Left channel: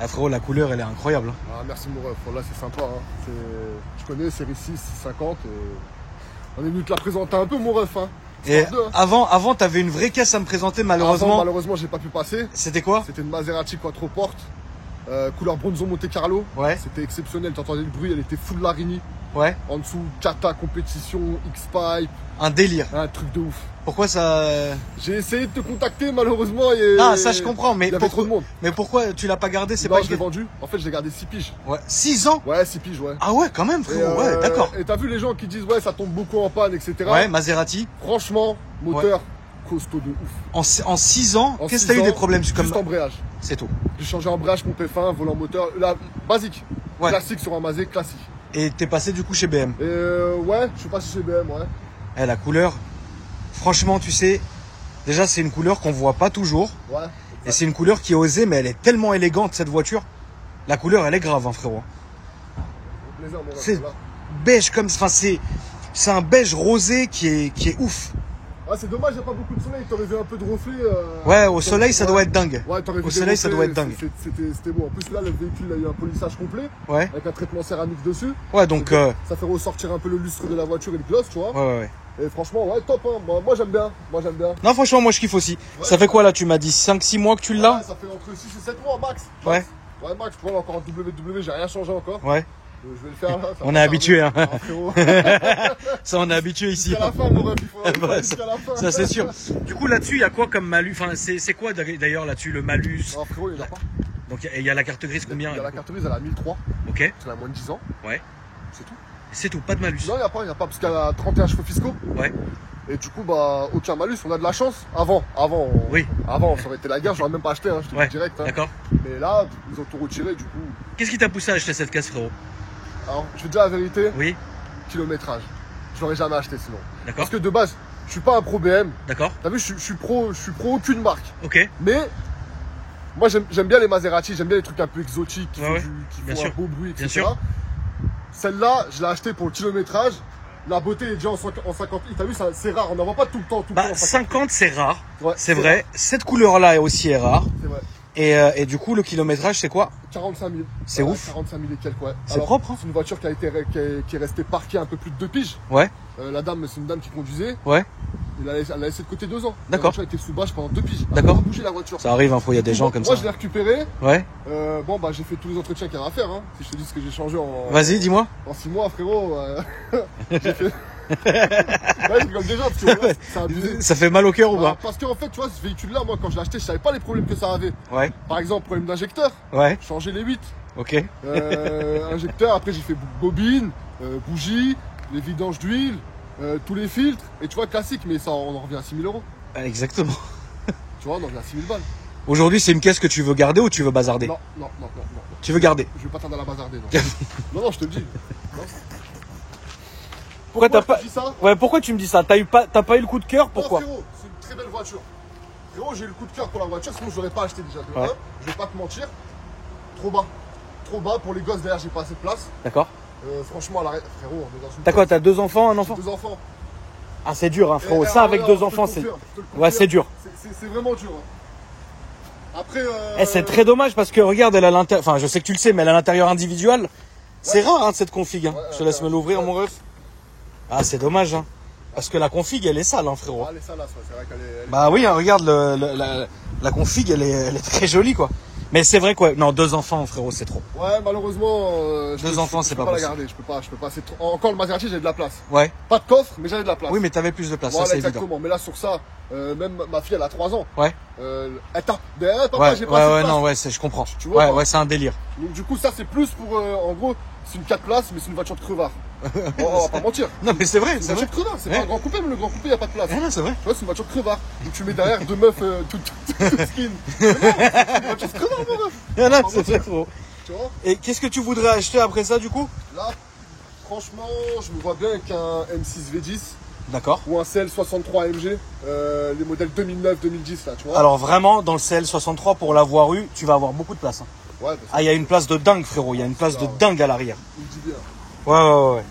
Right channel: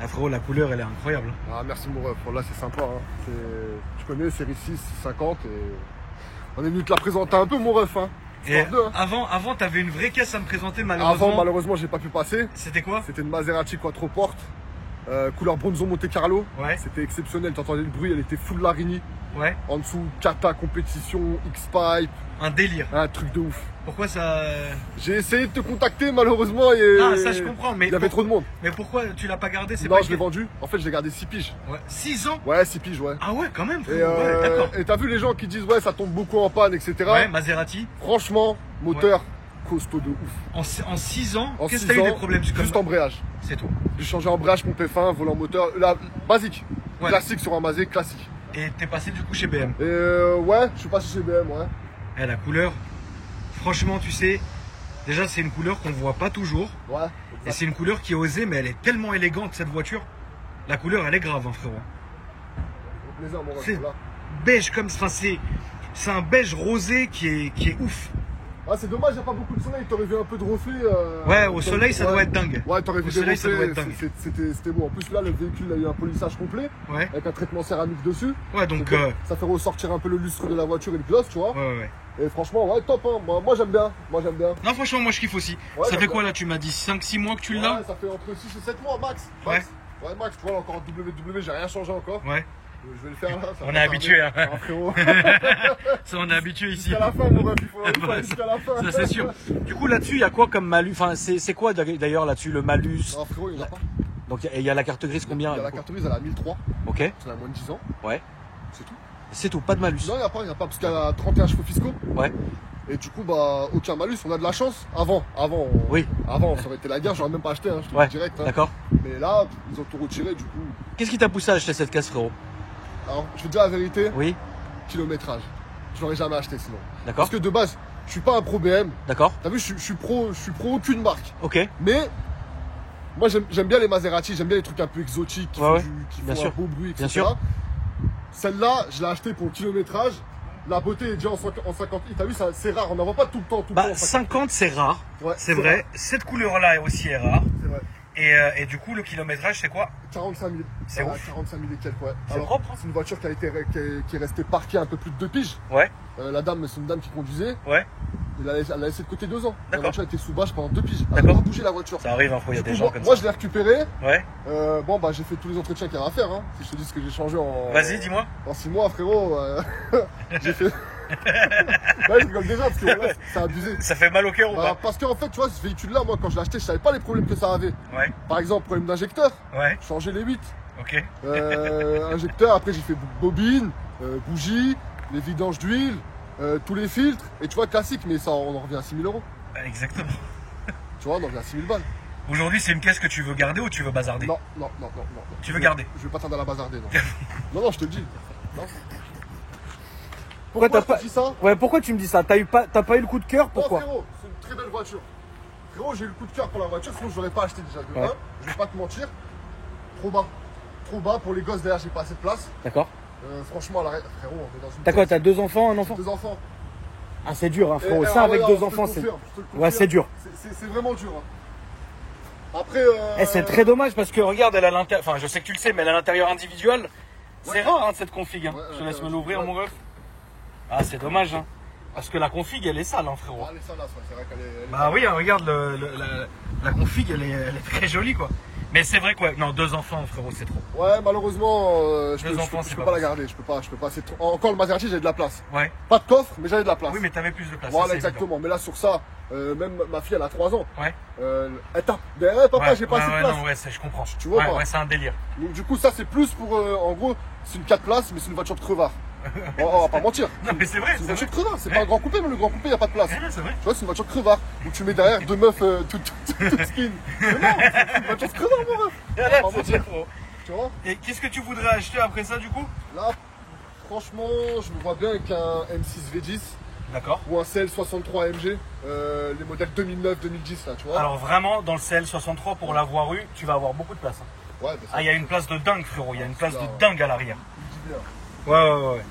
Ah, frérot, la couleur, elle est incroyable. Ah, merci mon ref, là c'est sympa. Hein. Je connais série 6, 50 et on est venu te la présenter un peu mon ref. Hein. Et avant t'avais une vraie caisse à me présenter, malheureusement. Malheureusement, j'ai pas pu passer. C'était quoi? C'était une Maserati Quattroporte, couleur Bronzo Monte Carlo. Ouais. C'était exceptionnel, t'entendais le bruit, elle était full Larini. Ouais. En dessous, Kata compétition, X-Pipe. Un délire. Un truc de ouf. Pourquoi ça... J'ai essayé de te contacter, malheureusement. Et ah, ça je comprends, mais... Il y avait trop de monde. Mais pourquoi tu l'as pas gardé? C'est non, pas je l'ai vendu. En fait, je l'ai gardé 6 piges. Ouais. 6 ans? Ouais, 6 piges, ouais. Ah ouais, quand même, frérot. Ouais, d'accord. Et t'as vu les gens qui disent, ouais, ça tombe beaucoup en panne, etc. Ouais, Maserati. Franchement, moteur costaud de ouf. En 6 ans, qu'est-ce que t'as eu des problèmes? Juste embrayage. C'est tout. J'ai changé embrayage, pompe F1, volant moteur. Là, basique. Ouais. Classique sur un Mazé, classique. Et t'es passé du coup chez BM? Ouais, je suis passé chez BM, ouais. Eh, la couleur, franchement, tu sais, déjà c'est une couleur qu'on voit pas toujours. Ouais. Et c'est une couleur qui est osée, mais elle est tellement élégante cette voiture. La couleur, elle est grave, hein, frérot. C'est beige comme, enfin c'est un beige rosé qui est ouf. Ouais, c'est dommage, il n'y a pas beaucoup de soleil, t'aurais vu un peu de reflet. Ouais, au soleil, ça doit être dingue. Ouais, t'aurais vu au soleil, ça doit être dingue. C'était lourd. En plus, là, le véhicule, il a eu un polissage complet. Ouais. Avec un traitement céramique dessus. Ouais, donc. Ça fait ressortir un peu le lustre de la voiture et le gloss, tu vois. Ouais. Et franchement, ouais, top, hein. Moi, j'aime bien. Non, franchement, moi, je kiffe aussi. Ouais, ça fait quoi, là? Tu m'as dit 5-6 mois que tu l'as? Ouais, ça fait entre 6 et 7 mois, max. Ouais. Ouais, max, tu vois, encore en WW, j'ai rien changé encore. Ouais. Je vais le faire là. On est habitué, hein. Ah, frérot. Ça, on est habitué ici. Jusqu'à la fin, mon ref, il faut jusqu'à la fin. Ça, c'est sûr. Du coup, là-dessus, il y a quoi comme malus? Enfin, c'est quoi d'ailleurs là-dessus, le malus? Non, frérot, il n'y en a pas. Donc, il y a la carte grise combien? Il y a la carte grise, elle a 1003. Ok. Elle a moins de 10 ans. Ouais. C'est tout. C'est tout, pas de malus? Non, il n'y a pas, parce qu'elle a 31 chevaux fiscaux. Ouais. Et du coup, bah, aucun malus, on a de la chance. Oui. Avant, ça aurait été la guerre, j'aurais même pas acheté, hein, je te le dis direct. Hein. D'accord. Mais là, ils ont tout retiré, du coup. Qu'est-ce qui t'a poussé à acheter cette caisse, frérot? Alors, je vais te dire la vérité. Oui. Kilométrage. Je l'aurais jamais acheté sinon. D'accord. Parce que de base, je suis pas un pro BM. D'accord. T'as vu, je suis pro aucune marque. Ok. Mais, moi, j'aime bien les Maserati, j'aime bien les trucs un peu exotiques, qui font un beau bruit, etc. Bien sûr. Celle-là, je l'ai achetée pour le kilométrage. La beauté est déjà en 50. T'as vu, c'est rare, on n'en voit pas tout le temps. Bah, 50, c'est rare. Ouais, c'est vrai. Cette couleur-là aussi est rare. C'est vrai. Et du coup, le kilométrage, c'est quoi? 45 000. C'est ouf. 45 000 et quelques, ouais. C'est propre, hein. C'est une voiture qui est restée parquée un peu plus de 2 piges. Ouais. La dame, c'est une dame qui conduisait. Ouais. Elle a laissé de côté 2 ans. D'accord. La voiture a été sous bâche pendant 2 piges. D'accord. Elle a pas bougé la voiture. Ça arrive, il y a des gens comme ça. Moi, je l'ai récupérée. Ouais. Bon, bah, j'ai fait tous les entretiens qu'il y a à faire. Hein. Si je te dis ce que j'ai changé en. Vas-y, dis-moi. En 6 mois, frérot. J'ai fait. Ouais, je bloque déjà parce que voilà, c'est abusé. Ça fait mal au cœur ou pas? Parce qu'en fait, tu vois, ce véhicule-là, moi, quand je l'ai acheté, je savais pas les problèmes que ça avait. Ouais. Par exemple, problème d'injecteur. Ouais. Changer les 8. Ok. Injecteur, après, j'ai fait bobine, bougie, les vidanges d'huile, tous les filtres. Et tu vois, classique, mais ça, on en revient à 6 000 €. Exactement. Tu vois, on en revient à 6 000 balles. Aujourd'hui, c'est une caisse que tu veux garder ou tu veux bazarder? Non. Tu veux garder? Je veux pas tarder à la bazarder, non. non, je te le dis. Pourquoi t'as pas... Ouais, pourquoi tu me dis ça? T'as pas eu le coup de cœur? Pourquoi? Frérot, c'est une très belle voiture. Frérot, j'ai eu le coup de cœur pour la voiture, sinon je l'aurais pas acheté déjà. Ouais. Je vais pas te mentir. Trop bas. Trop bas pour les gosses, derrière, j'ai pas assez de place. D'accord. Franchement, frérot, on est dans une... T'as quoi? T'as 2 enfants, un enfant? 2 enfants. Ah, c'est dur, hein, frérot. Ça, avec 2 enfants, c'est... Ouais, c'est dur. C'est vraiment dur. Hein. Après... C'est très dommage parce que, regarde, elle a l'intérieur... Enfin, je sais que tu le sais, mais elle a l'intérieur individuel. C'est rare, hein, cette config. Hein. Je te laisse me l'ouvrir, mon ref. Ah, c'est dommage, hein. Parce que la config, elle est sale, hein, frérot. Ah, elle est sale, c'est vrai qu'elle est... Bah oui, hein, regarde, la config, elle est très jolie, quoi. Mais c'est vrai quoi. Non, 2 enfants, frérot, c'est trop. Ouais, malheureusement, je peux pas la garder. Je peux pas. C'est trop... Encore le Maserati, j'avais de la place. Ouais. Pas de coffre, mais j'avais de la place. Oui, mais t'avais plus de place. Voilà, ça, exactement. évident. Mais là, sur ça, même ma fille, elle a 3 ans. Ouais. Elle tape. Papa, j'ai pas assez de place. Non, ouais, je comprends. Tu vois, ouais, c'est un délire. Donc, du coup, ça, c'est plus pour. En gros, c'est une 4 places, mais c'est une voiture de crevard. On va pas mentir. Non, mais c'est vrai. C'est une voiture de crevard. C'est pas un grand coupé, mais le grand coupé, il n'y a pas de place. Ouais, c'est vrai. Tu vois, c'est une voiture de crevard. Donc, tu mets derrière 2 meufs toutes skin. Mais non, c'est une voiture de crevard, mon ref. Là, c'est faux. Tu vois. Et qu'est-ce que tu voudrais acheter après ça, du coup? Là, franchement, je me vois bien avec un M6 V10. D'accord. Ou un CL63 AMG, les modèles 2009-2010 là, tu vois. Alors vraiment, dans le CL63, pour l'avoir eu, tu vas avoir beaucoup de place. Hein. Ouais, il y a une place de dingue, frérot. Il y a une place de dingue à l'arrière. Tu dis bien. Ouais.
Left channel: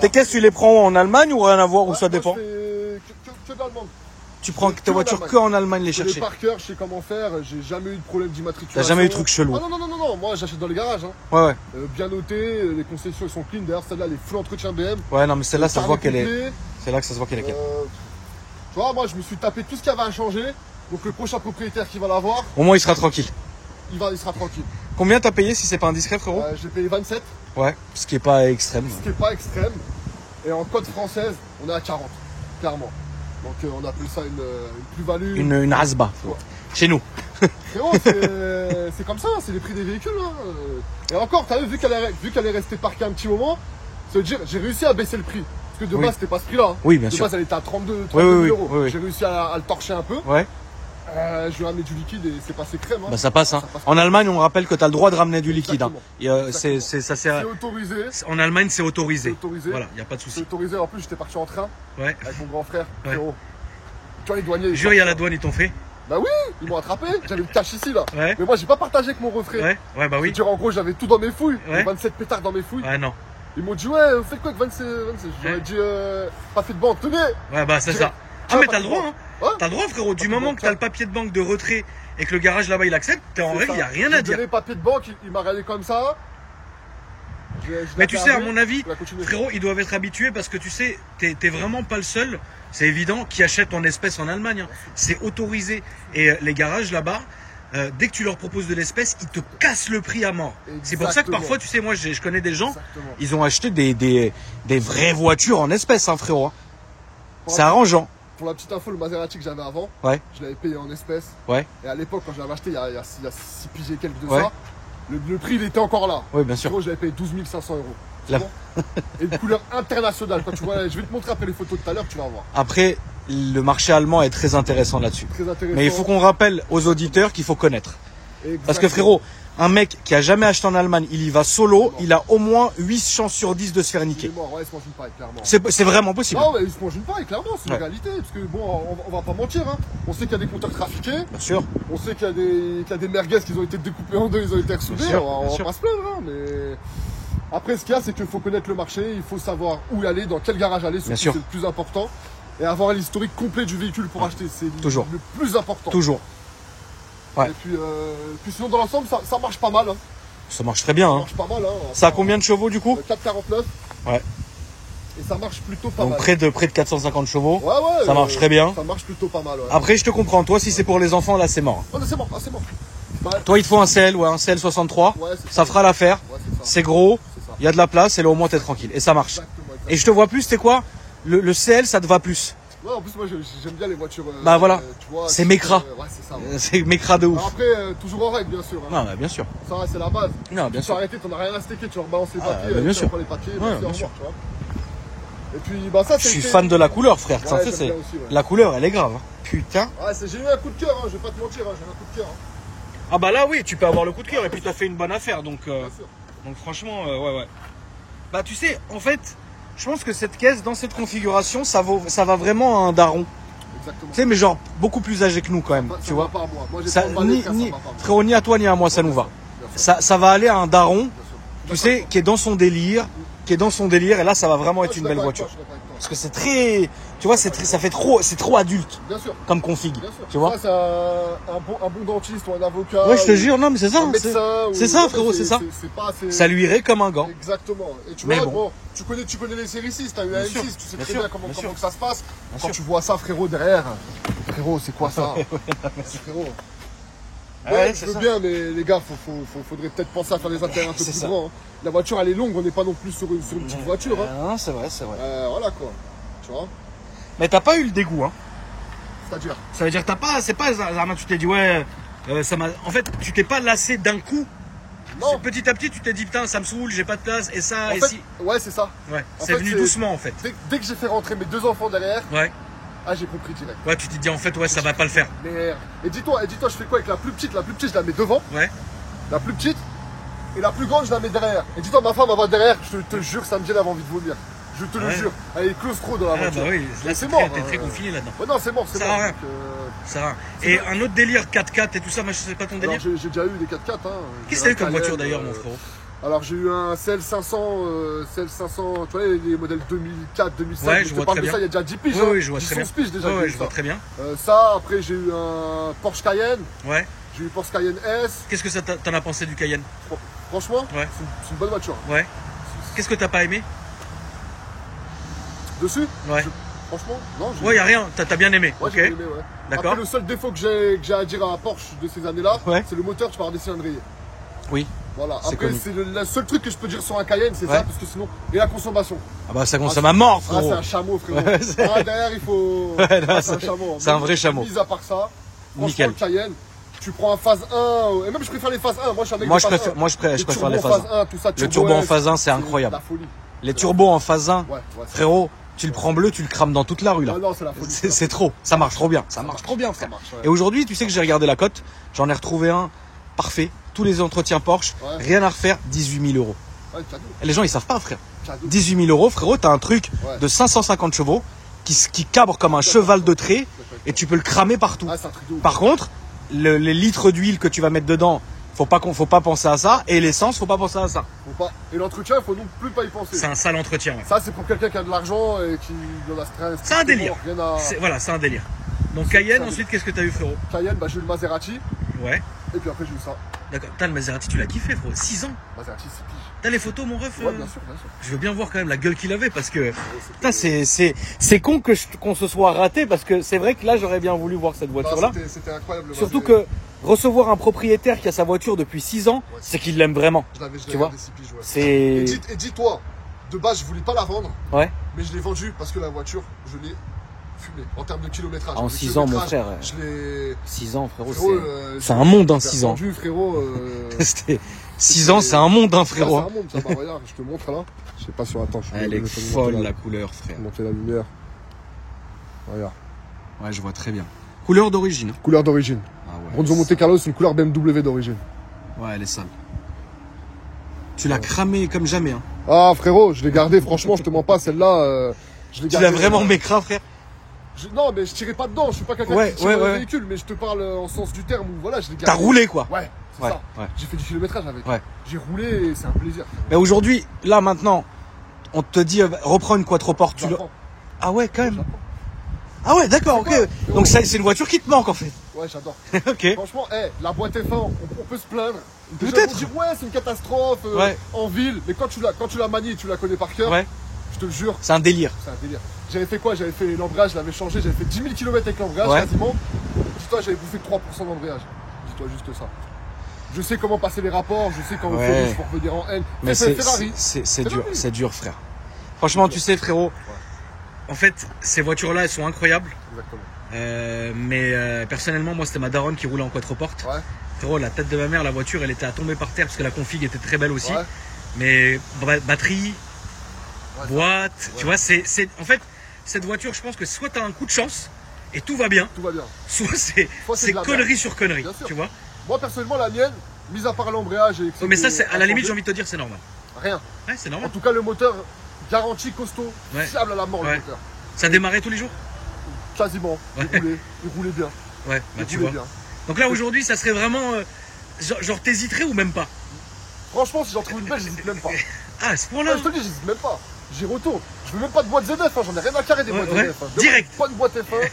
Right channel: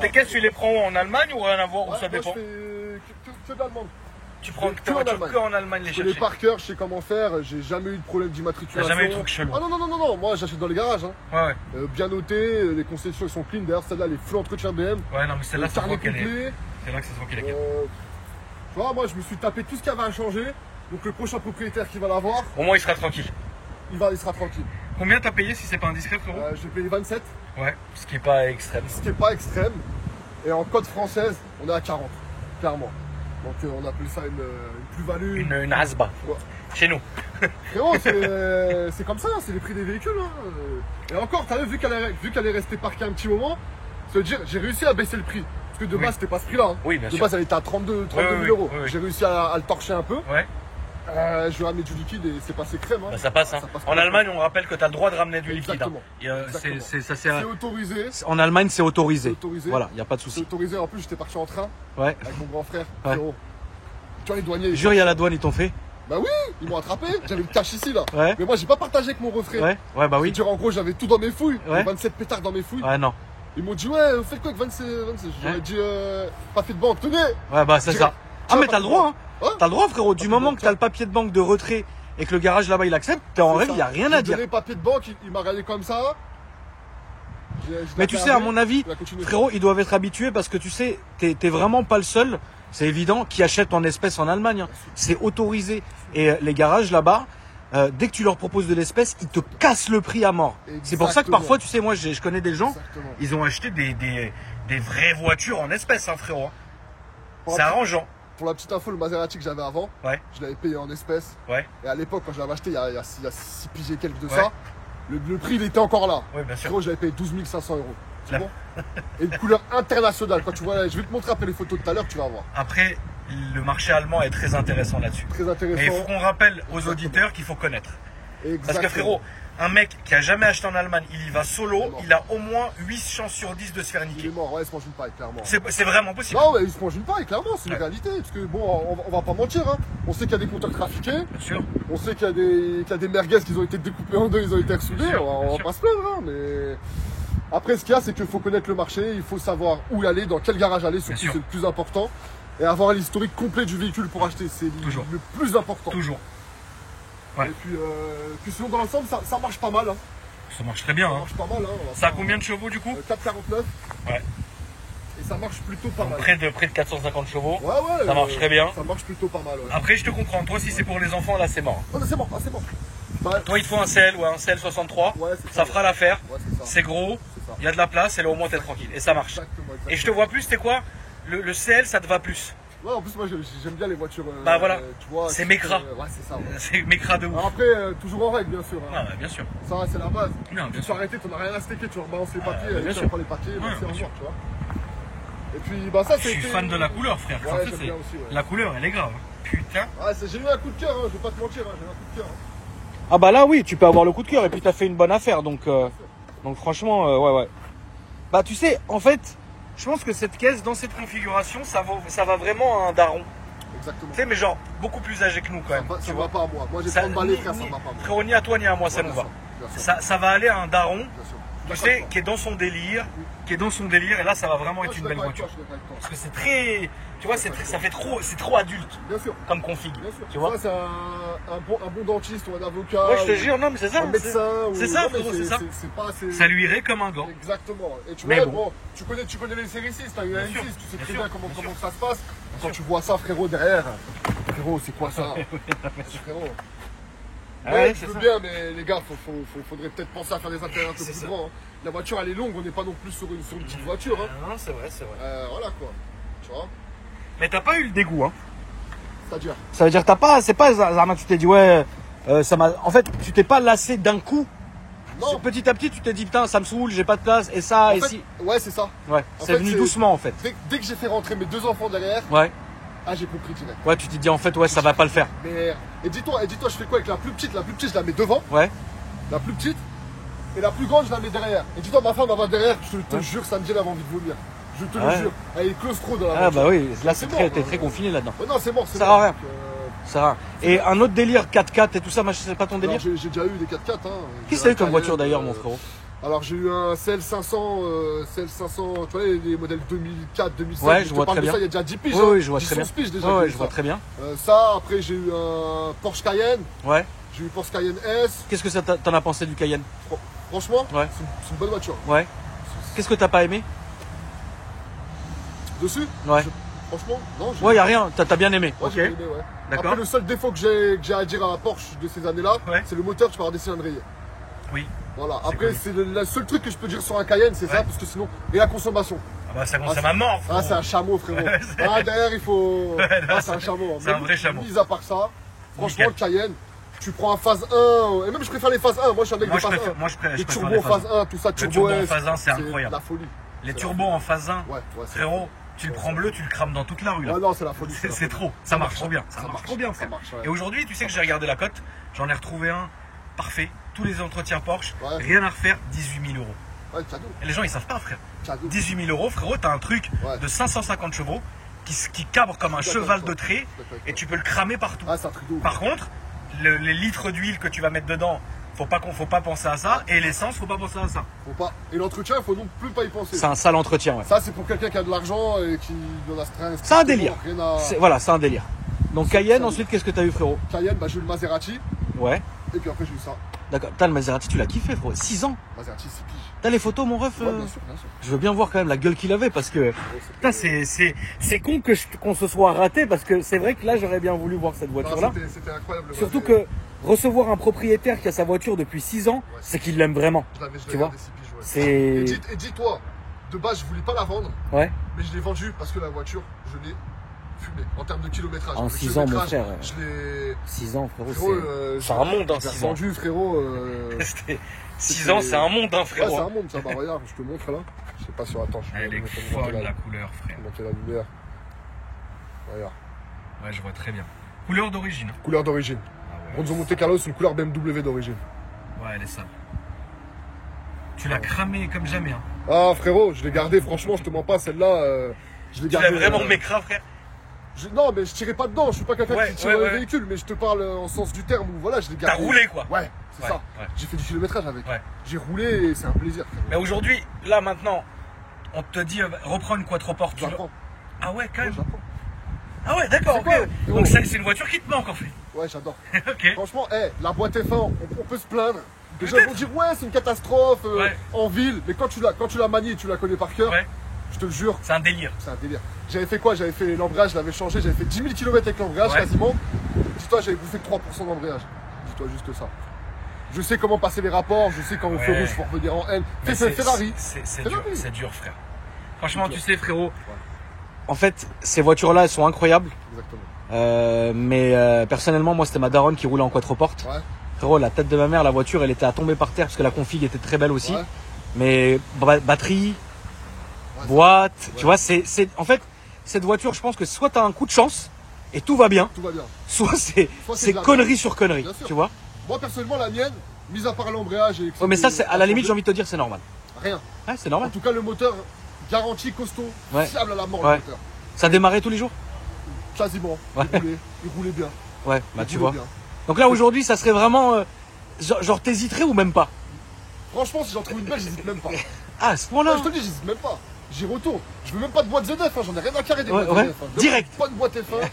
Tes caisses, tu les prends en Allemagne ou rien à voir, ou ça dépend? C'est que de l'Allemagne. Tu prends tes voitures que en Allemagne les chercher. Je par cœur, je sais comment faire, j'ai jamais eu de problème d'immatriculation. T'as jamais eu de trucs chelous? Ah non, moi j'achète dans les garages. Hein. Ouais. Bien noté, les concessions ils sont clean. D'ailleurs, celle-là, les full entretien BM. Ouais, non, mais celle-là, ça se voit qu'elle est. C'est là que ça se voit qu'elle est. Tu vois, moi je me suis tapé tout ce qu'il y avait à changer. Donc le prochain propriétaire qui va l'avoir. Au moins, il sera tranquille. Il sera tranquille. Combien t'as payé si c'est pas indiscret, frérot? J'ai payé 27. Ouais, ce qui est pas extrême. Ce qui est pas extrême. Et en code française, on est à 40, clairement. Donc on appelle ça une plus-value. Une hasba. Ouais. Chez nous. Frérot, c'est comme ça, c'est les prix des véhicules. Hein. Et encore, t'as vu qu'elle est restée parquée un petit moment, ça veut dire j'ai réussi à baisser le prix. Parce que de base, c'était pas ce prix-là. Hein. Oui, bien sûr. De base, elle était à 32 000 euros. J'ai réussi à le torcher un peu. Ouais. Je lui ai ramené du liquide et c'est passé crème. Hein. Bah ça passe. Hein. En Allemagne, on me rappelle que tu as le droit de ramener du liquide. Hein. C'est autorisé. En Allemagne, c'est autorisé. Voilà, il n'y a pas de souci. C'est autorisé. En plus, j'étais parti en train avec mon grand frère. Ouais. Tu vois, les douaniers. Jure, il y a la douane, ils t'ont fait. Bah oui, ils m'ont attrapé. J'avais le cash ici là. Ouais. Mais moi, j'ai pas partagé avec mon refrain. Ouais, bah oui. Dire, en gros, j'avais tout dans mes fouilles. 27 pétards dans mes fouilles. Ouais, non. Ils m'ont dit, ouais, vous faites quoi avec 26? J'aurais dit, pas fait de banque, tenez. Ouais, bah c'est ça. Ah, mais t'as le droit, hein. T'as le droit, frérot. Du moment que t'as le papier de banque de retrait et que le garage là-bas il accepte, t'es en règle, il n'y a rien à dire. Le papier de banque, il m'a regardé comme ça. Mais tu sais, à mon avis, frérot, ils doivent être habitués parce que tu sais, t'es vraiment pas le seul, c'est évident, qui achète en espèces en Allemagne. Hein. C'est autorisé. Et les garages là-bas, dès que tu leur proposes de l'espèce, ils te cassent le prix à mort. C'est pour ça que parfois, tu sais, moi je connais des gens, ils ont acheté des vraies voitures en espèces, hein, frérot. Hein. C'est arrangeant. Pour la petite info, le Maserati que j'avais avant, je l'avais payé en espèces. Et à l'époque, quand je l'avais acheté, il y a 6 piges et quelques de ça, le prix il était encore là. Oui, bien sûr. Frérot, j'avais payé 12 500 euros. C'est bon. Et une couleur internationale. Quand tu vois, je vais te montrer après les photos tout à l'heure, tu vas voir. Après, le marché allemand est très intéressant là-dessus. Très intéressant. Mais il faut qu'on rappelle aux auditeurs qu'il faut connaître. Exactement. Parce que frérot, un mec qui a jamais acheté en Allemagne, il y va solo, il a au moins 8 chances sur 10 de se faire niquer. Il est mort, ouais, il se mange une paille, clairement. C'est vraiment possible. Non, ouais, il se mange une paille, clairement, c'est une réalité. Parce que bon, on va pas mentir, hein. On sait qu'il y a des compteurs trafiqués. Bien sûr. On sait qu'il y a des merguez qui ont été découpées en deux, ils ont été ressoudés. On va pas se plaindre, hein, mais. Après, ce qu'il y a, c'est qu'il faut connaître le marché, il faut savoir où aller, dans quel garage aller, surtout c'est le plus important. Et avoir l'historique complet du véhicule pour acheter, c'est le plus important. Toujours. Ouais. Et puis sinon, dans l'ensemble, ça marche pas mal. Hein. Ça marche très bien. Ça marche pas mal. Hein. Ça a combien de chevaux du coup? 449. Ouais. Et ça marche plutôt pas mal. Près de 450 chevaux. Ouais. Ça marche très bien. Ça marche plutôt pas mal. Ouais. Après, je te comprends. Toi, si c'est pour les enfants, là, c'est mort. Oh, c'est mort. Ah, c'est mort. Bah, toi, il te faut un CL ou un CL 63. Ouais, ça fera l'affaire. Ouais, c'est gros. Il y a de la place et là, au moins, t'es tranquille. Et ça marche. Exactement. Et je te vois plus, c'est quoi le CL, ça te va plus. Ouais, en plus, moi, j'aime bien les voitures. Bah voilà, c'est Mekra. Ouais, c'est ça. Ouais. C'est Mekra de ouf. Alors après, toujours en règle, bien sûr. Hein. Non, bah, bien sûr. Ça, c'est la base. Non, bien sûr. Tu peux arrêter, t'en as rien à stecker, tu rebalances les papiers, tu prends les papiers, bien sûr. Tu vois. Et puis, bah ça, je suis fan de la couleur, frère. Ouais, ça, c'est... La couleur, elle est grave. Hein. Putain. Ah, j'ai eu un coup de cœur, hein, je vais pas te mentir, j'ai eu un coup de cœur. Hein. Ah, bah là, oui, tu peux avoir le coup de cœur et puis t'as fait une bonne affaire. Donc franchement, ouais. Bah, tu sais, en fait, je pense que cette caisse, dans cette configuration, ça va vraiment à un daron. Exactement. Tu sais, mais genre beaucoup plus âgé que nous quand même. Ça va pas à moi. Moi, j'ai pas emballé, frère, ça va pas. Frérot, ni à toi ni à moi, ça nous va. Ça va aller à un daron, tu sais, qui est dans son délire, et là, ça va vraiment être une belle voiture. Parce que c'est très, tu vois, c'est trop adulte. Bien sûr. Comme config. Tu vois. Ça, c'est un bon dentiste ou un avocat. Oui, je te jure, non, mais c'est ça. Un médecin. C'est ça, frérot, c'est ça. Ça lui irait comme un gant. Exactement. Et tu vois, bon, tu connais les séries 6, t'as une AM6, tu sais très bien comment ça se passe. Quand tu vois ça, frérot, derrière, frérot, c'est quoi ça? Frérot. Ouais, je veux bien, mais les gars, faudrait peut-être penser à faire des intérêts un peu plus grands. Hein. La voiture, elle est longue, on n'est pas non plus sur une petite voiture. Hein. Non, c'est vrai. Voilà quoi. Tu vois. Mais t'as pas eu le dégoût, hein. C'est-à-dire. Ça veut dire c'est pas Zarma, tu t'es dit ouais, ça m'a. En fait, tu t'es pas lassé d'un coup. Non. Petit à petit, tu t'es dit putain, ça me saoule, j'ai pas de place et ça. Ouais, c'est ça. Ouais. C'est venu doucement en fait. Dès que j'ai fait rentrer mes 2 enfants derrière. Ouais. Ah, j'ai compris direct. Ouais, tu t'es dit en fait, ouais, ça va pas le faire. Merde. Et dis-toi, je fais quoi avec la plus petite? La plus petite, je la mets devant. Ouais. La plus petite. Et la plus grande, je la mets derrière. Et dis-toi, ma femme va voir derrière, je te jure, samedi, elle avait envie de vomir. Je te le jure. Elle est claustro dans la voiture. Ah, bah oui, là, c'est mort. T'es très confiné là-dedans. Ouais, non, c'est mort, c'est mort. Ça sert à rien. Ça va. Et un autre délire 4x4 et tout ça, moi, c'est pas ton délire? J'ai déjà eu des 4x4. Hein. Qui c'est comme voiture d'ailleurs, mon frérot? Alors j'ai eu un CL500, tu vois les modèles 2004, 2007, ouais, je vois parle très de bien. ça il y a déjà 10 piges, oui, je vois très bien. Piges déjà. Ouais, je vois très bien. Ça, après j'ai eu un Porsche Cayenne. Ouais. J'ai eu Porsche Cayenne S. Qu'est-ce que t'en as pensé du Cayenne? Franchement, ouais. C'est une bonne voiture. Ouais. Qu'est-ce que t'as pas aimé dessus? Ouais. Franchement, non. Ouais, y a rien. T'as bien aimé. Ouais, ok. J'ai aimé, ouais. D'accord. Après, le seul défaut que j'ai à dire à Porsche de ces années-là, ouais. c'est le moteur, tu peux avoir des cylindriers. Oui. Voilà. Après, c'est le seul truc que je peux dire sur un Cayenne, c'est ça, parce que sinon. Et la consommation. Ah bah ça consomme à mort, frérot. Ah, c'est un chameau, frérot. Derrière, il faut. C'est un chameau. C'est un vrai chameau. Mis à part ça, franchement, le Cayenne, tu prends un phase 1, et même je préfère les phases 1. Moi, je suis un mec de phase 1. Moi, je préfère les phases 1. Tout ça, le turbo en phase 1, c'est incroyable. La folie. Les turbos en phase 1, frérot. Tu le prends bleu, tu le crames dans toute la rue là. Non, c'est la folie. C'est trop. Ça marche trop bien. Ça marche trop bien, frère. Et aujourd'hui, tu sais que j'ai regardé la cote. J'en ai retrouvé un parfait. Tous les entretiens Porsche. Rien à refaire. 18 000 euros. Ouais, cadeau. Et les gens, ils savent pas, frère. Cadeau. 18 000 euros, frérot. T'as un truc de 550 chevaux qui cabre comme un cheval de trait. Et tu peux le cramer partout. Ah, c'est un truc de ouf. Par contre, les litres d'huile que tu vas mettre dedans, faut pas penser à ça. Et l'essence, faut pas penser à ça. Faut pas. Et l'entretien, il faut non plus pas y penser. C'est un sale entretien. Ouais. Ça, c'est pour quelqu'un qui a de l'argent et qui de la stress. C'est un délire. À... Voilà, c'est un délire. Donc Cayenne, ensuite, qu'est-ce que t'as eu, frérot? Cayenne, bah, j'ai eu le Maserati. Ouais. Et puis après, j'ai eu ça. D'accord. T'as le Maserati, tu l'as kiffé, frérot. 6 ans. Maserati, 6 piges. T'as les photos, mon ref? Ouais, bien sûr, bien sûr. Je veux bien voir quand même la gueule qu'il avait parce que. Putain, c'est con qu'on se soit raté parce que c'est vrai que là, j'aurais bien voulu voir cette voiture-là. C'était incroyable. Surtout que recevoir un propriétaire qui a sa voiture depuis 6 ans, c'est qu'il l'aime vraiment. Tu vois? C'est. Et dis-toi, de base, je voulais pas la vendre. Ouais. Mais je l'ai vendue parce que la voiture, je l'ai fumée en termes de kilométrage. En 6 ans, mon frère. 6 ans, frérot, c'est un monde, hein, 6 ans. Vendu, frérot. 6 ans, c'est un monde, hein, frérot. Ouais, c'est un monde, ça. Bah, regarde, je te montre là. Je sais pas si attends. Elle est folle, la couleur, frère. Monter la lumière. Regarde. Ouais, je vois très bien. Couleur d'origine. Couleur d'origine. Ah ouais. Ronzo Monte Carlo, c'est une couleur BMW d'origine. Ouais, elle est sale. Tu l'as cramé comme jamais, hein. Ah, frérot, je l'ai gardé, franchement, je te mens pas, celle-là. Je l'ai gardée. Tu l'as vraiment mécra, frère? Non, mais je tirais pas dedans, je suis pas quelqu'un qui tire dans les véhicules, mais je te parle en sens du terme où voilà, je l'ai gardé. T'as roulé, quoi. Ouais, c'est ça. Ouais. J'ai fait du kilométrage avec. Ouais. J'ai roulé et c'est un plaisir, frérot. Mais aujourd'hui, là, maintenant, on te dit, reprends une quattroporte. Ah ouais, quand même. Ah ouais, d'accord, ok. Donc c'est une voiture qui te manque, en fait. Ouais, j'adore. Ok. Franchement, la boîte F1, on peut se plaindre. Déjà, on peut dire, ouais, c'est une catastrophe en ville, mais quand tu la manies et tu la connais par cœur, je te le jure. C'est un délire. C'est un délire. J'avais fait quoi? J'avais fait l'embrayage, je l'avais changé, j'avais fait 10 000 km avec l'embrayage quasiment. Dis-toi, j'avais bouffé 3% d'embrayage. Dis-toi juste ça. Je sais comment passer les rapports, je sais quand il faut rouge pour revenir en N. Mais c'est Ferrari. C'est dur, frère. Franchement, tu sais, frérot, en fait, ces voitures-là, elles sont incroyables. Exactement. Mais personnellement, moi, c'était ma daronne qui roulait en quattroporte. Ouais. Frérot, la tête de ma mère, la voiture, elle était à tomber par terre parce que la config était très belle aussi. Ouais. Mais batterie, boîte, tu vois, en fait, cette voiture, je pense que soit tu as un coup de chance et tout va bien. Tout va bien. Soit c'est connerie sur connerie, tu vois. Moi, personnellement, la mienne, mis à part l'embrayage et... mais ça, à la limite, j'ai envie de te dire, c'est normal. Rien. Ouais, c'est normal. En tout cas, le moteur, garanti, costaud, fiable à la mort, le moteur. Ça démarrait tous les jours? Quasiment. Il roulait bien. Ouais, bah tu vois. Bien. Donc là, aujourd'hui, ça serait vraiment... genre, t'hésiterais ou même pas? Franchement, si j'en trouve une belle, j'hésite même pas. Ah, à ce point-là? Je te dis, j'hésite même pas. J'y retourne. Je veux même pas de boîte ZF, j'en ai rien à carrer des boîtes ZF. Direct. Pas de boîte F1,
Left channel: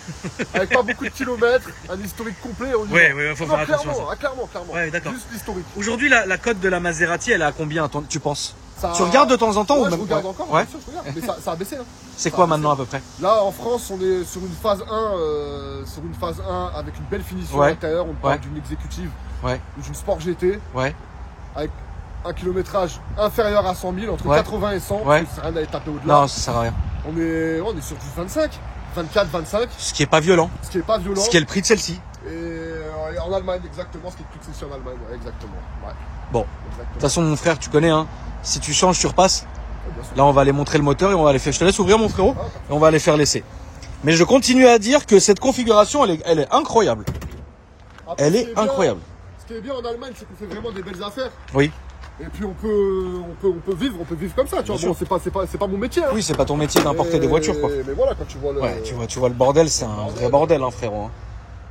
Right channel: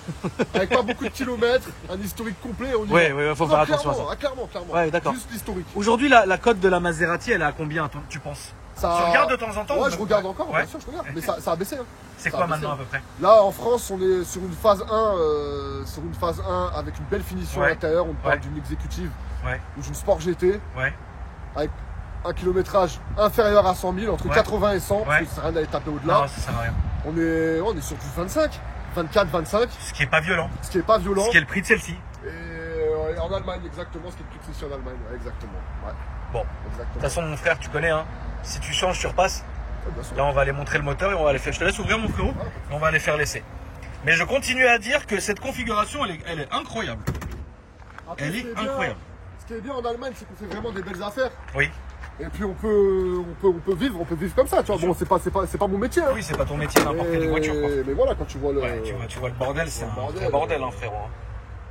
avec pas beaucoup de kilomètres, un historique complet. Ouais, faut faire attention. Clairement. Ouais, d'accord. Juste l'historique. Aujourd'hui, la cote de la Maserati, elle est à combien, tu penses? Tu regardes de temps en temps? Ouais, je regarde encore, bien sûr, je regarde. Mais ça a baissé. Hein. C'est quoi maintenant à peu près? Là, en France, on est sur une phase 1, avec une belle finition à l'intérieur. On parle d'une exécutive ou d'une Sport GT. Avec un kilométrage inférieur à 100 000, entre 80 et 100, parce que ça sert à rien d'aller taper au-delà. Non, ça sert à rien. On est sur du 25, 24, 25. Ce qui est pas violent. Ce qui est pas violent. Ce qui est le prix de celle-ci. Et en Allemagne, exactement, ce qui est le prix de celle-ci en Allemagne, exactement. Ouais. Bon, de toute façon, mon frère, tu connais, hein. Si tu changes, tu repasses. Là, on va aller montrer le moteur et on va aller faire. Je te laisse ouvrir, mon frérot, et on va aller faire l'essai. Mais je continue à dire que cette configuration, elle est incroyable. Après, elle est incroyable. Ce qui est bien en Allemagne, c'est qu'on fait vraiment des belles affaires. Oui. Et puis on peut vivre comme ça, tu vois. Bon, c'est pas mon métier. Hein. Oui, c'est pas ton métier d'importer des voitures, quoi. Mais voilà, quand tu vois le. Ouais, tu vois le bordel, c'est un vrai bordel, hein, frérot.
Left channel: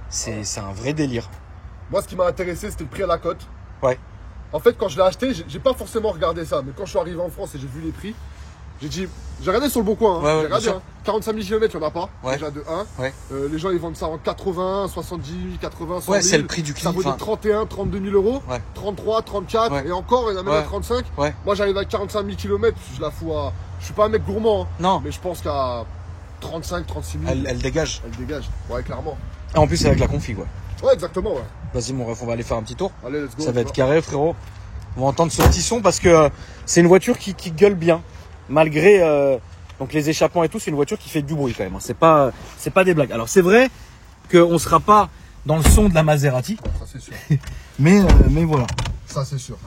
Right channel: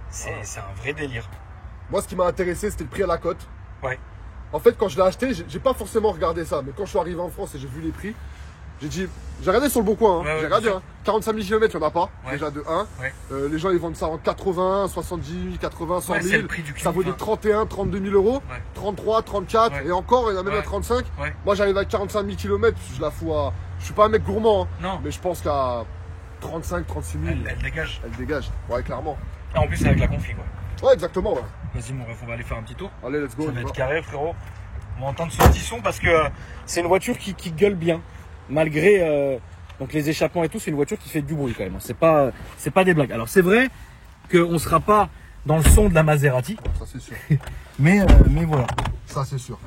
C'est un vrai délire. Moi, ce qui m'a intéressé, c'était le prix à la cote. Ouais. En fait, quand je l'ai acheté, j'ai pas forcément regardé ça. Mais quand je suis arrivé en France et j'ai vu les prix, j'ai dit, j'ai regardé sur le bon coin, hein. J'ai regardé, hein. 45 000 km, il n'y en a pas, déjà de 1. Les gens, ils vendent ça en 80, 70, 80, 100 000. C'est le prix du ça vaut des 31, 32 000 euros, 33, 34, et encore, il y en a même à 35. Moi, j'arrive à 45 000 km, je la fous à... Je suis pas un mec gourmand, hein. Non. Mais je pense qu'à 35, 36 000. Elle dégage. Elle dégage, ouais, clairement. Et en plus, avec la config, ouais, exactement, ouais. Vas-y, mon ref, on va aller faire un petit tour. Allez, let's go. Ça va être carré, frérot. On va entendre ce petit son parce que c'est une voiture qui gueule bien. Malgré donc les échappements et tout, c'est une voiture qui fait du bruit quand même. C'est pas des blagues. Alors c'est vrai qu'on ne sera pas dans le son de la Maserati. Ça c'est sûr. mais voilà. Ça c'est sûr.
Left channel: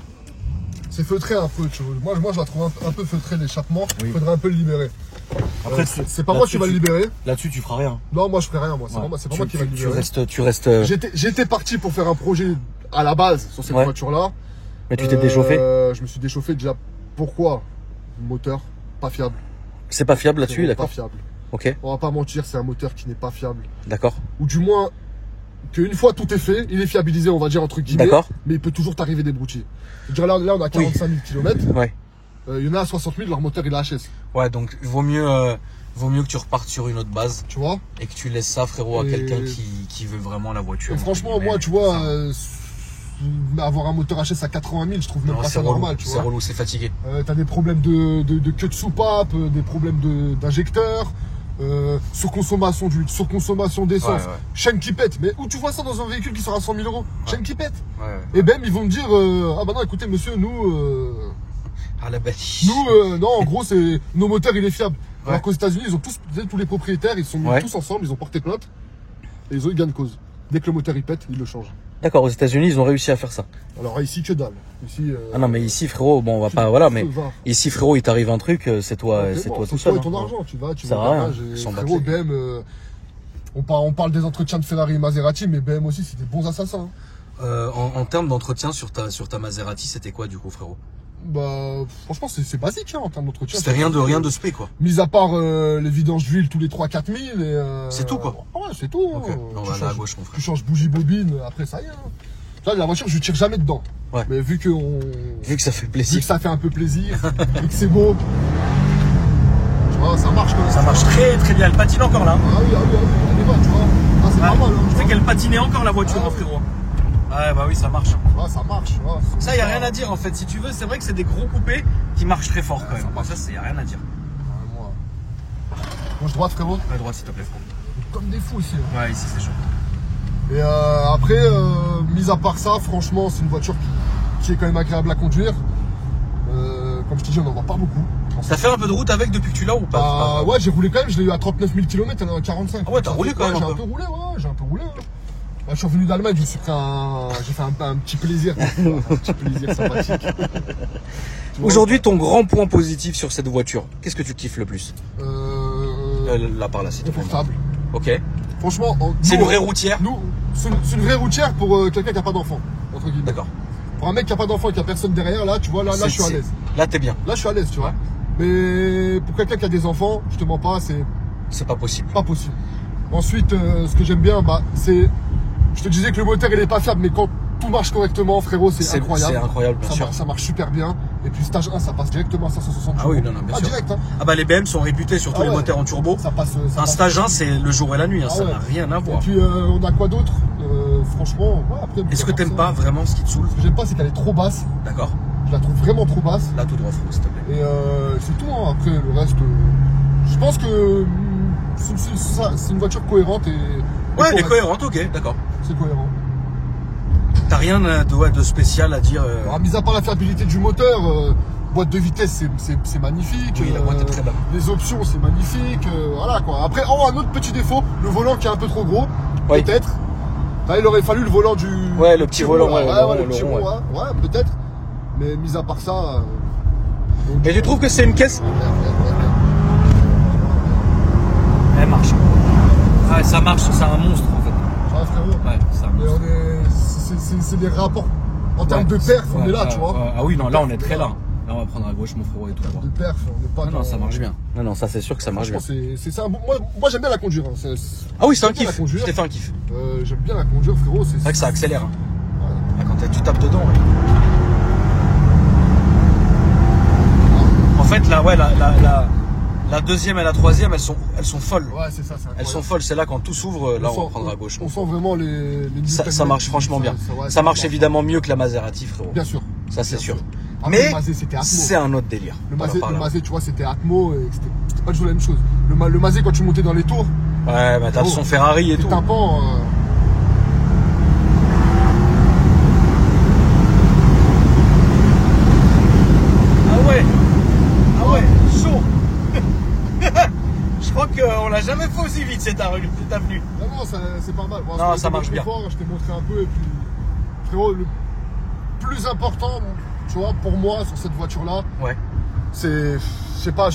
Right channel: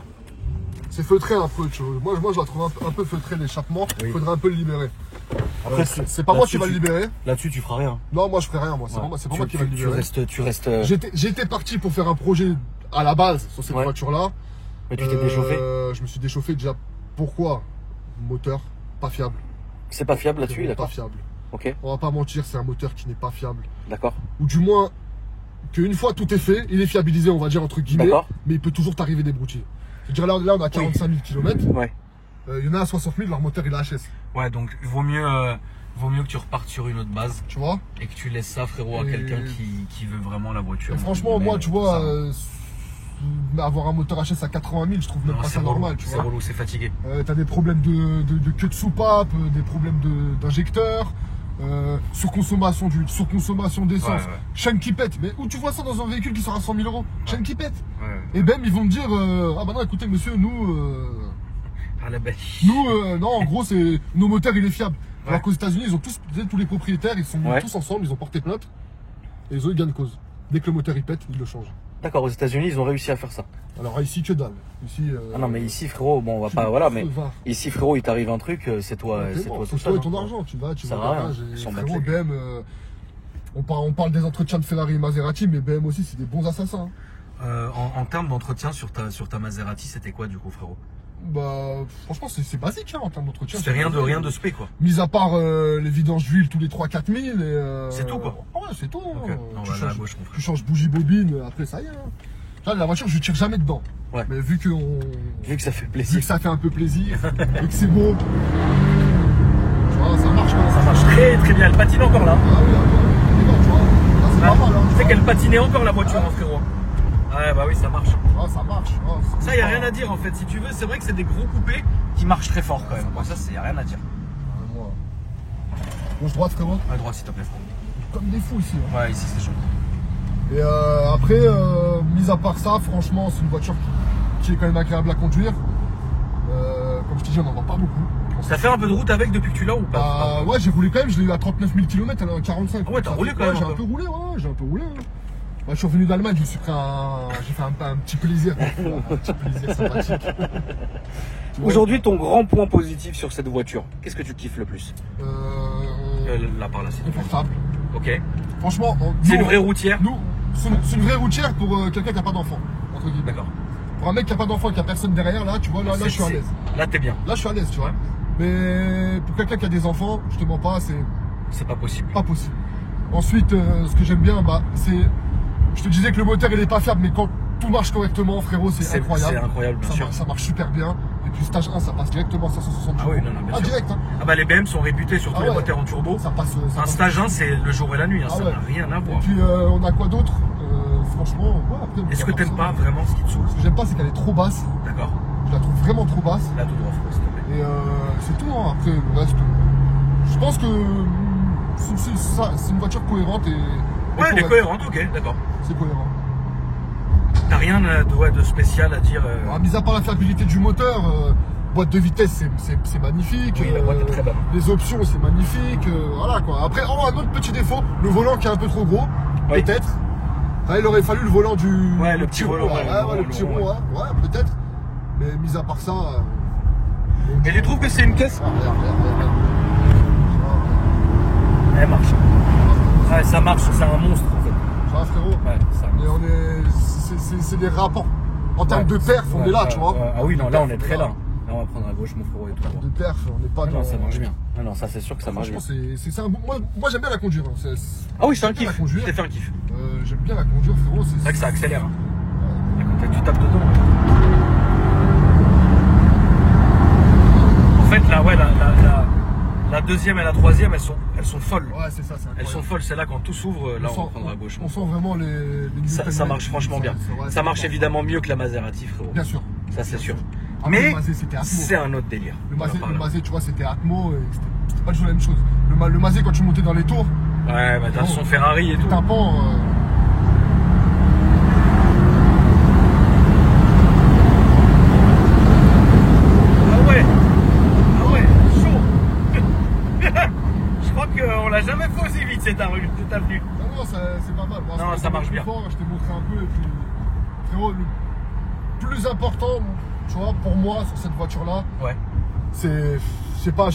C'est feutré un peu. Moi je la trouve un peu feutré l'échappement. Il faudrait un peu le libérer. Après c'est pas moi qui va le libérer. Là-dessus tu feras rien. Non, moi je ferai rien. Moi c'est pas moi qui va le libérer. Tu restes. J'étais parti pour faire un projet à la base sur cette voiture-là. Mais tu t'es déchauffé. Je me suis déchauffé déjà. Pourquoi? Moteur pas fiable. C'est pas fiable là-dessus, d'accord. Pas fiable. Ok. On va pas mentir, c'est un moteur qui n'est pas fiable. D'accord. Ou du moins qu'une fois tout est fait, il est fiabilisé, on va dire entre guillemets. Mais il peut toujours t'arriver des broutilles. Là, on a 45 000 km. Ouais. Il y en a à 60 000, leur moteur il est HS. Ouais, donc vaut mieux que tu repartes sur une autre base. Tu vois. Et que tu laisses ça, frérot, à quelqu'un qui veut vraiment la voiture. Et franchement, moi, tu vois. Avoir un moteur HS à 80 000, je trouve même pas ça normal. C'est relou, c'est fatigué. T'as des problèmes de queue de soupape, des problèmes d'injecteur, surconsommation d'essence, chaîne qui pète. Mais où tu vois ça dans un véhicule qui sera à 100 000 euros? Chaîne qui pète. Et ben ils vont me dire ah bah non écoutez monsieur, nous non, en gros c'est nos moteurs il est fiable. Alors qu'aux États-Unis ils ont tous les propriétaires, ils sont mis tous ensemble, ils ont porté plainte et ils gagnent cause. Dès que le moteur il pète, ils le changent. D'accord, aux États-Unis, ils ont réussi à faire ça. Alors ici, que dalle. Ici, non, mais ici, frérot, bon, on va pas. Voilà, mais ici, frérot, il t'arrive un truc, c'est toi. C'est toi et ton argent. Tu vas au garage. Frérot, BM, on parle des entretiens de Ferrari et Maserati, mais BM aussi, c'est des bons assassins. En termes d'entretien sur ta Maserati, c'était quoi, du coup, frérot? Bah, franchement, c'est basique, hein, en termes d'entretien. C'était rien de spé, quoi. Mis à part les vidanges d'huile tous les 3-4 000. C'est tout, quoi. Ouais, c'est tout. Okay. Hein. Non, tu changes bougie bobine, après ça y est. Hein. Là, la voiture, je tire jamais dedans. Ouais. Mais vu que ça fait plaisir. Vu que ça fait un peu plaisir, vu que c'est beau. Tu vois, ça marche, quoi. Ça marche très très bien. Elle patine encore là. Ah oui. Tu vois, là, c'est pas mal. Hein, tu sais qu'elle patinait encore la voiture, hein, frérot. Ouais, bah oui, ça marche. Ouais, ça marche. Ouais, ça, y a rien à dire en fait. Si tu veux, c'est vrai que c'est des gros coupés qui marchent très fort quand même. Ça, y a rien à dire. Moi. Gauche droite, frérot. À droite, s'il te plaît. Comme des fous ici. Hein. Ouais, ici c'est chaud. Et après, mis à part ça, franchement, c'est une voiture qui est quand même agréable à conduire. Comme je te dis, on n'en voit pas beaucoup. Ça fait un peu de route avec depuis que tu l'as ou pas? Ouais, j'ai roulé quand même. Je l'ai eu à 39 000 km, elle est à 45. Ouais, t'as roulé quand même. J'ai un peu roulé, j'ai un peu roulé. Là, je suis revenu d'Allemagne, j'ai fait un petit plaisir. Un petit plaisir sympathique. Aujourd'hui, ton grand point positif sur cette voiture, qu'est-ce que tu kiffes le plus? Là par là, c'est confortable. Ok. Franchement, c'est une vraie routière. C'est une vraie routière pour quelqu'un qui n'a pas d'enfant. D'accord. Pour un mec qui n'a pas d'enfant et qui n'a personne derrière, là, tu vois, là je suis à l'aise. Là, t'es bien. Là, je suis à l'aise, tu vois. Mais pour quelqu'un qui a des enfants, je te mens pas, c'est pas possible. Pas possible. Ensuite, ce que j'aime bien, c'est. Je te disais que le moteur il est pas fiable, mais quand tout marche correctement, frérot, c'est incroyable. C'est incroyable, bien sûr. Ça marche super bien. Et puis stage 1, ça passe directement à 570. Ah oui, non, bien sûr. Direct, hein. Ah bah les BM sont réputés, surtout les moteurs en turbo. Ça passe. Un stage 1, c'est le jour et la nuit, hein, ça n'a rien à voir. Et puis on a quoi d'autre? Franchement, après. Est-ce que t'aimes pas vraiment ce qui te saoule? Ce que j'aime pas, c'est qu'elle est trop basse. D'accord. Je la trouve vraiment trop basse. Là, tout droit, s'il te plaît. Et c'est tout, hein. Après, le reste. Je pense que c'est une voiture cohérente et. Ouais, elle est cohérente, ok, d'accord. C'est cohérent. T'as rien de spécial à dire Mis à part la fiabilité du moteur, boîte de vitesse c'est magnifique. Oui, la boîte est très belle. Les options c'est magnifique. Voilà quoi. Après, un autre petit défaut, le volant qui est un peu trop gros, peut-être. Là, il aurait fallu le volant du. Ouais, le petit volant. Le petit volant, ouais, peut-être. Mais mis à part ça. Et tu trouves que c'est une caisse? Elle marche. Ouais, ça marche, c'est un monstre en fait. Ça va, frérot. Ouais, c'est un monstre. C'est des rapports. En termes de perf, on est là, tu vois. Ah oui, non, là on est très là. Là on va prendre à gauche mon frérot et tout. De perf, on n'est pas. Non, ça marche bien. Non, ça c'est sûr que ça marche bien. C'est un bon. Moi j'aime bien la conduire. Hein. Ah oui, c'est un kiff. Je t'ai fait un kiff. J'aime bien la conduire, frérot. C'est vrai que ça accélère. Hein. Quand tu tapes dedans. Ouais. deuxième et la troisième, elles sont folles. Ouais, c'est ça. Elles sont folles. C'est là quand tout s'ouvre, là on prendra à gauche. On sent vraiment les ça marche franchement bien. Ça marche évidemment mieux que la Maserati, frérot. Bien sûr. Ça, c'est sûr. Après, mais c'est un autre délire. Le Mazé, tu vois, c'était Atmo et c'était pas du tout la même chose. Le Mazé, quand tu montais dans les tours. Ouais, bah t'as le son Ferrari et tout. Tympans, Je crois qu'on l'a jamais fait aussi vite cette avenue. Non, c'est pas mal. Bon, non, ça marche bien. Je te montrer un peu. Et puis, frérot, le plus important, tu vois, pour moi, sur cette voiture-là, ouais. c'est pas.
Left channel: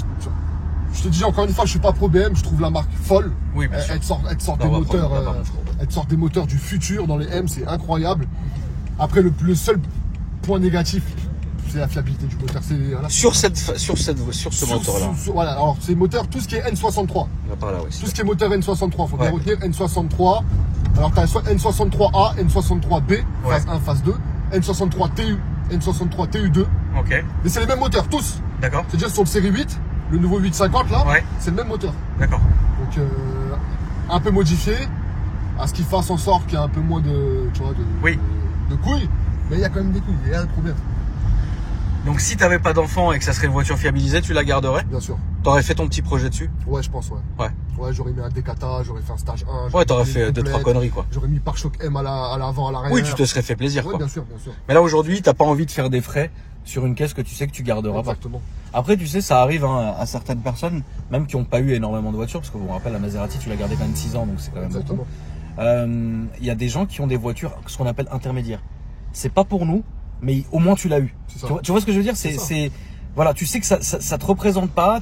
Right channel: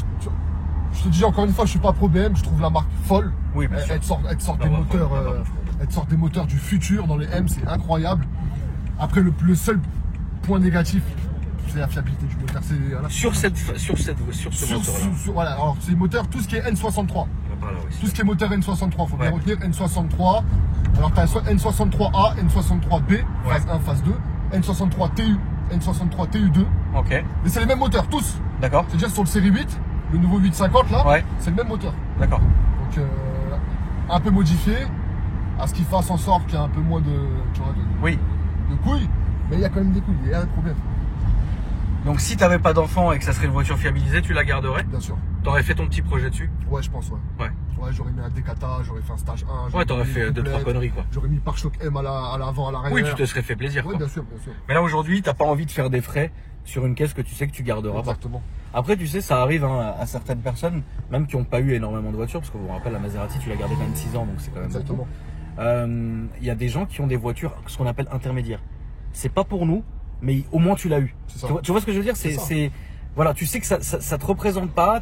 Je te dis encore une fois, je suis pas pro BM, je trouve la marque folle. Oui, bien sûr. Elle sort des moteurs du futur dans les M, c'est incroyable. Après, le seul point négatif, c'est la fiabilité du moteur. Voilà. Sur ce moteur-là. Voilà, alors c'est moteur, tout ce qui est N63. Là, oui, tout ce qui est moteur N63, faut bien retenir N63. Alors tu as N63A, N63B, phase 1, phase 2, N63 TU, N63 TU2. Ok. Mais c'est les mêmes moteurs, tous. D'accord. C'est-à-dire sur le série 8, le nouveau 850 là, c'est le même moteur. D'accord. Donc un peu modifié, à ce qu'il fasse en sorte qu'il y ait un peu moins de, tu vois, de couilles, mais il y a quand même des couilles, il y a un problème. Donc si tu n'avais pas d'enfant et que ça serait une voiture fiabilisée, tu la garderais? Bien sûr. Tu aurais fait ton petit projet dessus? Ouais, je pense, ouais, j'aurais mis un décata, j'aurais fait un stage 1. Ouais, t'aurais fait 2-3 conneries, quoi. J'aurais mis pare-choc M à l'avant, à l'arrière. Oui, tu te serais fait plaisir, quoi. Bien sûr. Mais là, aujourd'hui, t'as pas envie de faire des frais sur une caisse que tu sais que tu garderas pas. Exactement. Après, tu sais, ça arrive à certaines personnes, même qui n'ont pas eu énormément de voitures, parce que vous vous rappelez, la Maserati, tu l'as gardée quand même 6 ans, donc c'est quand même beaucoup. Il y a des gens qui ont des voitures, ce qu'on appelle intermédiaires. C'est pas pour nous, mais au moins tu l'as eu. Tu vois ce que je veux dire? Voilà, tu sais que ça te représente pas,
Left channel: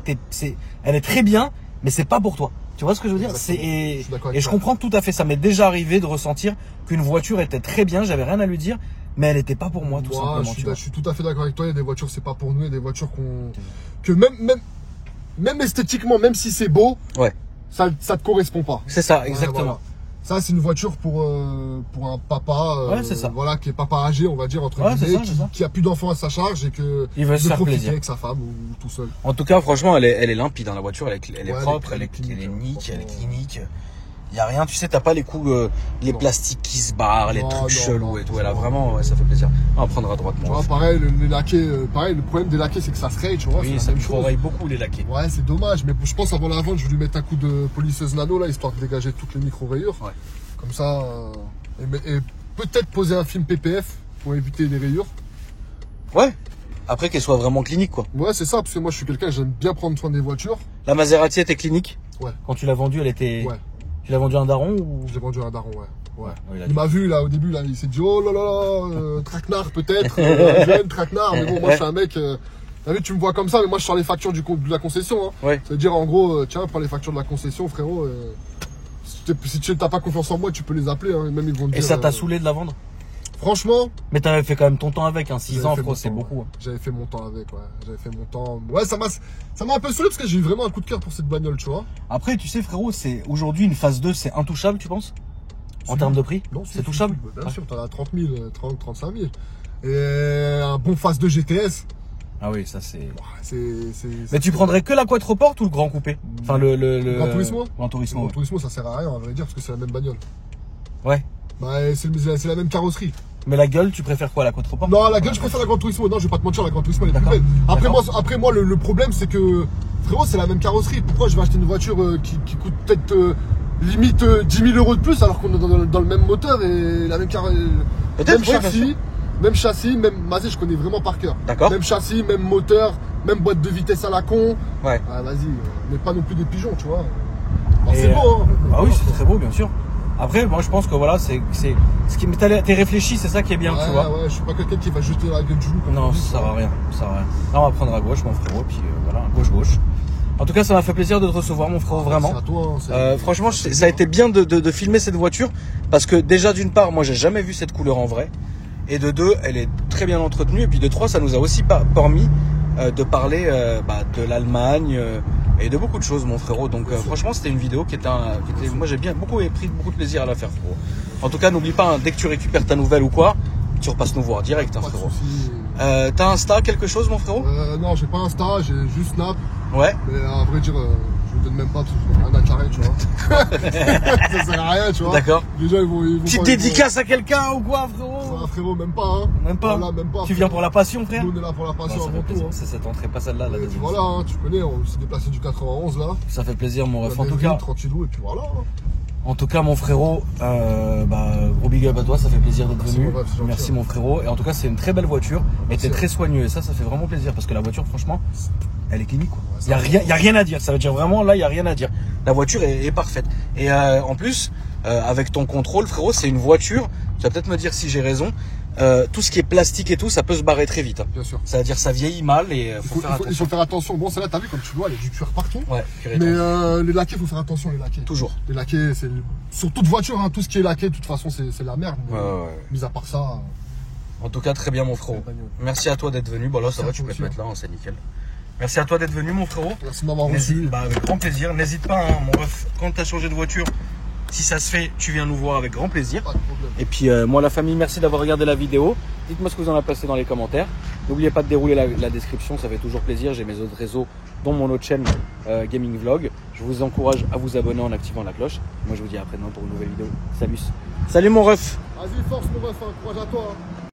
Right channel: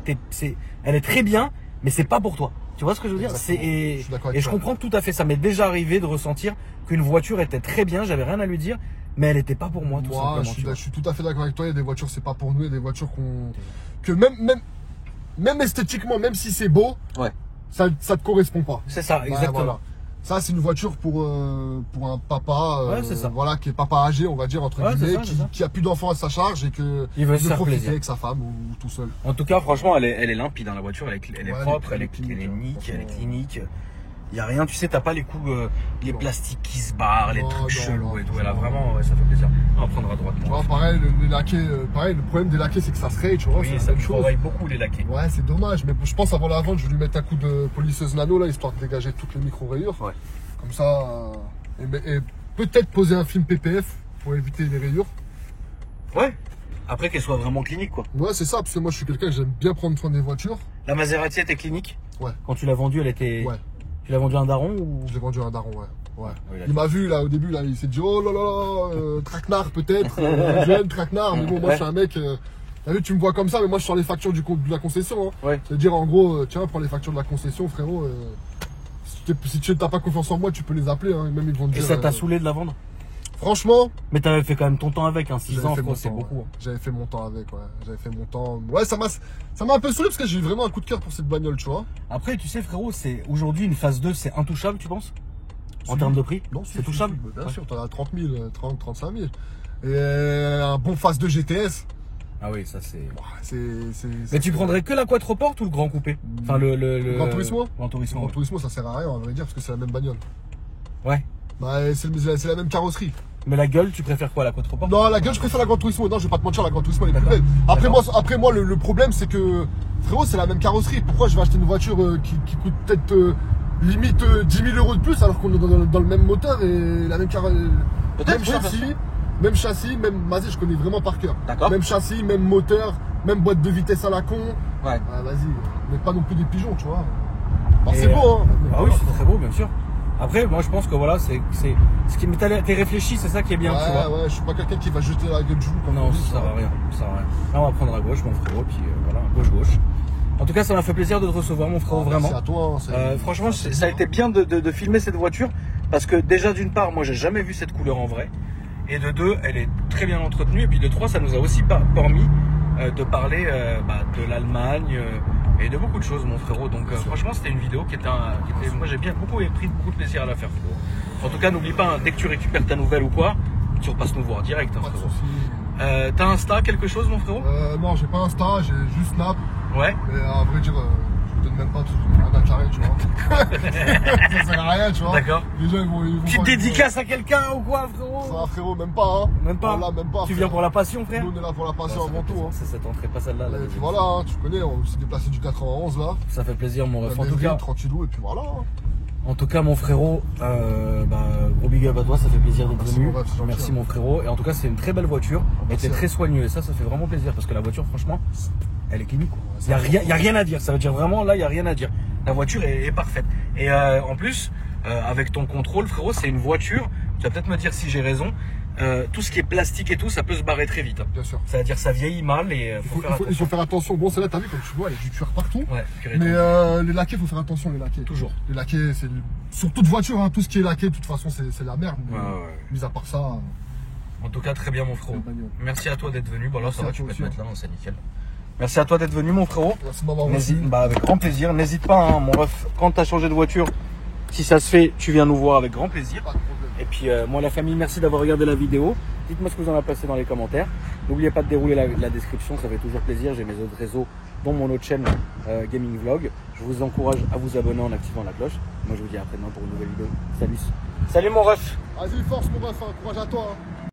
elle est très bien, mais c'est pas pour toi. Tu vois ce que je veux dire? Et je comprends tout à fait. Ça m'est déjà arrivé de ressentir qu'une voiture était très bien, j'avais rien à lui dire, mais elle n'était pas pour moi, tout simplement. Je suis tout à fait d'accord avec toi. Il y a des voitures, c'est pas pour nous. Il y a des voitures que même esthétiquement, même si c'est beau, ça te correspond pas. C'est ça, exactement. Voilà. Ça, c'est une voiture pour un papa, voilà, qui est papa âgé, on va dire, entre guillemets, qui a plus d'enfants à sa charge et il veut se faire plaisir avec sa femme ou tout seul. En tout cas, franchement, elle est limpide dans la voiture, elle est propre, elle est clinique. Il n'y a rien, tu sais, t'as pas les coups, les plastiques qui se barrent, les trucs chelous et tout. Elle a vraiment, ça fait plaisir. On va prendre à droite. Tu vois, pareil, les laquais, le problème des laquais, c'est que ça fraye, tu vois. Oui, ça me travaille beaucoup, les laquais. Ouais, c'est dommage, mais je pense avant la vente, je vais lui mettre un coup de polisseuse nano, là, histoire de dégager toutes les micro-rayures. Ouais. Comme ça, et peut-être poser un film PPF pour éviter les rayures. Ouais. Après qu'elle soit vraiment clinique, quoi. Ouais, c'est ça, parce que moi, je suis quelqu'un, j'aime bien prendre soin des voitures. La Maserati était clinique? Ouais. Quand tu l'as vendue, elle était... Ouais. Tu l'as vendu à un daron ou... Je l'ai vendu à un daron, ouais. Il m'a vu là au début, là, il s'est dit oh là là, traquenard peut-être, jeune traquenard, mais bon, moi je suis un mec, t'as vu, tu me vois comme ça, mais moi je sors les factures de la concession. Hein. C'est-à-dire en gros, tiens, prends les factures de la concession, frérot. Si tu n'as pas confiance en moi, tu peux les appeler, hein, même ils vont te dire. Et ça t'a saoulé de la vendre? Franchement. Mais t'avais fait quand même ton temps avec, hein, 6 ans, c'est beaucoup. Hein. J'avais fait mon temps avec, J'avais fait mon temps. Ouais, ça m'a un peu saoulé parce que j'ai eu vraiment un coup de cœur pour cette bagnole, tu vois. Après, tu sais, frérot, c'est aujourd'hui une phase 2, c'est intouchable, tu penses? En termes de prix? Non, c'est touchable? Bien sûr, t'en as 30 000, 30, 35 000. Et un bon phase 2 GTS. Ah oui, ça c'est. Mais tu prendrais que la quattroporte ou le grand coupé? Enfin, le Gran Turismo? Gran Turismo. Le Gran Turismo, ça sert à rien, on va dire, parce que c'est la même bagnole. Ouais. Bah, c'est la même carrosserie. Mais la gueule, tu préfères quoi, la quattroporte? Non, la gueule, je préfère la Gran Turismo. Non, je vais pas te mentir, la Gran Turismo, elle est plus belle. Après moi, le problème, c'est que, frérot, c'est la même carrosserie. Pourquoi je vais acheter une voiture qui coûte peut-être limite 10 000 € de plus alors qu'on est dans le même moteur et la même carrosserie, même châssis, même Mazé, je connais vraiment par cœur. Même châssis, même moteur, même boîte de vitesse à la con. Ouais. Vas-y, mais pas non plus des pigeons, tu vois. C'est beau, hein. Ah oui, c'est très beau, bien sûr. Après, moi je pense que voilà, c'est ce qui t'es réfléchi, c'est ça qui est bien, tu vois. Ouais, je suis pas quelqu'un qui va jeter la gueule du loup. Non, ça sert à rien, Là, on va prendre à gauche, mon frérot, puis voilà, gauche. En tout cas, ça m'a fait plaisir de te recevoir, mon frérot, vraiment. C'est à toi. Franchement, ça a été bien de filmer cette voiture, parce que déjà, d'une part, moi j'ai jamais vu cette couleur en vrai, et de deux, elle est très bien entretenue, et puis de trois, ça nous a aussi permis de parler de l'Allemagne et de beaucoup de choses, mon frérot. Donc franchement, c'était une vidéo qui était moi j'ai pris beaucoup de plaisir à la faire, frérot. En tout cas, n'oublie pas, hein, dès que tu récupères ta nouvelle ou quoi, tu repasses nous voir direct, hein, frérot. T'as Insta, quelque chose, mon frérot? Non, j'ai pas Insta, j'ai juste Snap. Ouais. Mais à vrai dire, je vous donne même pas parce que je donne rien à carré, tu vois. Ça sert à rien, tu vois. D'accord. Déjà, ils vont petite dédicace à quelqu'un ou quoi, frérot? Ah, frérot, même pas, hein. Même pas. Voilà, même pas. Tu viens pour la passion, frère? Nous, on est là pour la passion avant tout. Ça tenterait pas celle-là, la deuxième. Voilà, hein, tu connais, on s'est déplacé du 91 là. Ça fait plaisir, mon ref. En tout cas. Tranquillou, et puis voilà. En tout cas, mon frérot, gros big up à toi, ça fait plaisir d'être venu. Merci, mon frérot. Et en tout cas, c'est une très belle voiture. Elle était très soigneux. Et ça fait vraiment plaisir parce que la voiture, franchement, elle est clinique, quoi. Il y a rien à dire. Ça veut dire vraiment, là, il y a rien à dire. La voiture est parfaite. Et en plus, avec ton contrôle, frérot, c'est une voiture. Tu vas peut-être me dire si j'ai raison. Tout ce qui est plastique et tout, ça peut se barrer très vite. Hein. Bien sûr. Ça veut dire ça vieillit mal et il faut faire attention. Bon, celle-là, t'as vu, comme tu vois, il y a du cuir partout. Ouais, mais les laquais, il faut faire attention, les laquais. Toujours. Les laquais, c'est sur toute voiture, hein, tout ce qui est laqué, de toute façon, c'est la merde. Mis à part ça. En tout cas, très bien, mon frérot. Merci à toi d'être venu. Bon, là, ça va, tu peux te mettre là, c'est nickel. Merci à toi d'être venu, mon frérot. Merci de m'avoir reçu. Avec grand plaisir. N'hésite pas, hein, mon ref, quand tu as changé de voiture, si ça se fait, tu viens nous voir avec grand plaisir. Et puis, moi, la famille, merci d'avoir regardé la vidéo. Dites-moi ce que vous en avez passé dans les commentaires. N'oubliez pas de dérouler la description, ça fait toujours plaisir. J'ai mes autres réseaux, dont mon autre chaîne Gaming Vlog. Je vous encourage à vous abonner en activant la cloche. Moi, je vous dis à après-demain pour une nouvelle vidéo. Salut. Salut, mon ref. Vas-y, force, mon ref. Courage à toi. Hein.